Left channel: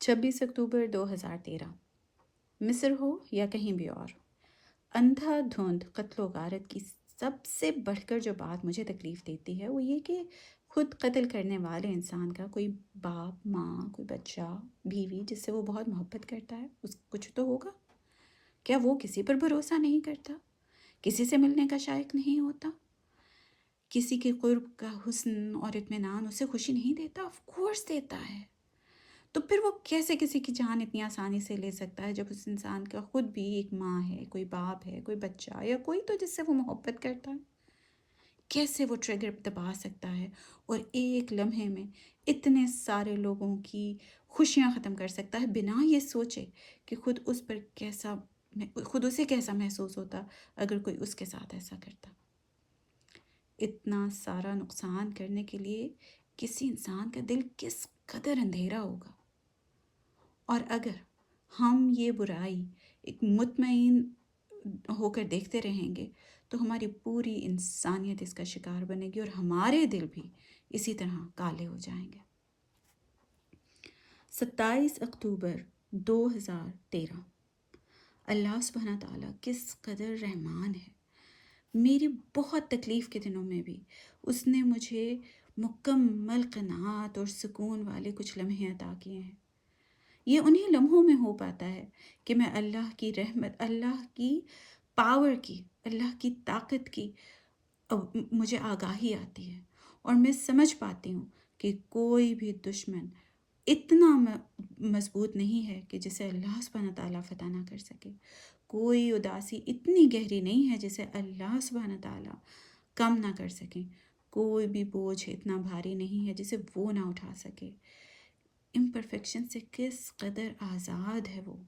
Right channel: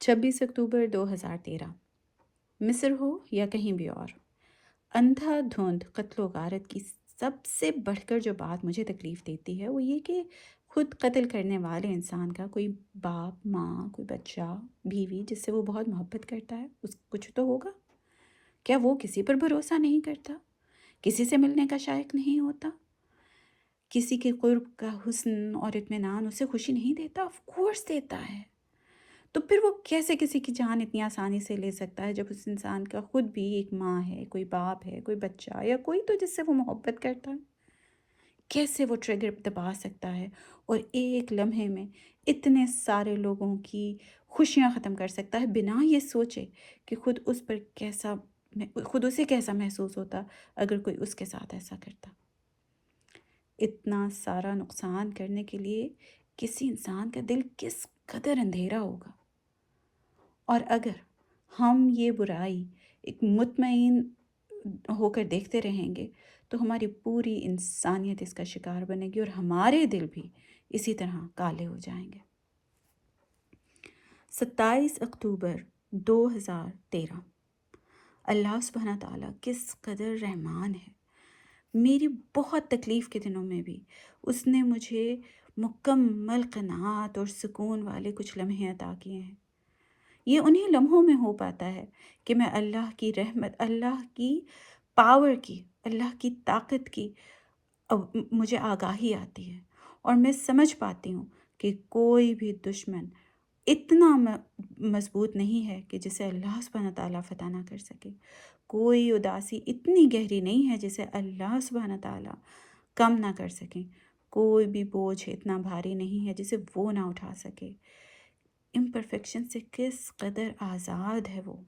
26 अक्टूबर 2013। मिस्र हो या कहीं भी और, अंधाधुंध कत्ल गारत की सबसे बढ़कर जो बात मुझे तकलीफ़ देती है वो ये कि खुद कत्ल करने वाले इंसान का कोई बाप, माँ, कोई बच्चा, बीवी जिससे वो बहुत मोहब्बत करता है, उस कुछ तो होगा। क्या वो किसी पर भरोसा नहीं करता? किसी से मिलने का शायक नहीं होता? किसी के क़ुर्ब का हुस्न और इत्मीनान उसे खुशी नहीं देता? ऑफ़ कोर्स देता है। तो फिर वो कैसे किसी की जान इतनी आसानी से ले सकता है जब उस इंसान का खुद भी एक माँ है, कोई बाप है, कोई बच्चा या कोई तो जिससे वो मोहब्बत करता है? कैसे वो ट्रिगर दबा सकता है और एक लम्हे में इतने सारे लोगों की खुशियाँ ख़त्म कर सकता है बिना ये सोचे कि खुद उसे कैसा महसूस होता अगर कोई उसके साथ ऐसा करता। इतना सारा नुकसान करने के लिए किसी इंसान का दिल किस कदर अंधेरा होगा। और अगर हम ये बुराई एक मुतमईन होकर देखते रहेंगे तो हमारी पूरी इंसानियत इसका शिकार बनेगी और हमारे दिल भी इसी तरह काले हो जाएंगे। 27 अक्टूबर 2013। अल्लाह सुब्हाना ताला किस कदर रहमान है। मेरी बहुत तकलीफ़ के दिनों में भी उसने मुझे मुकम्मल क़नाअत और सुकून वाले कुछ लम्हे अता किए हैं। ये उन्हीं लम्हों में हो पाता है कि मैं अल्लाह की रहमत, अल्लाह की पावर की, अल्लाह की ताकत की मुझे आगाही आती है और मैं समझ पाती हूँ कि कोई भी दुश्मन इतना मज़बूत नहीं है कि जिसे अल्लाह सुब्हाना ताला फ़तह ना कर सके। कोई उदासी इतनी गहरी नहीं है जिसे अल्लाह सुब्हाना ताला कम ना कर सके। कोई भी बोझ इतना भारी नहीं है जिसे वो ना उठा सके। इम्परफेक्शन से किस कदर आज़ाद है वो।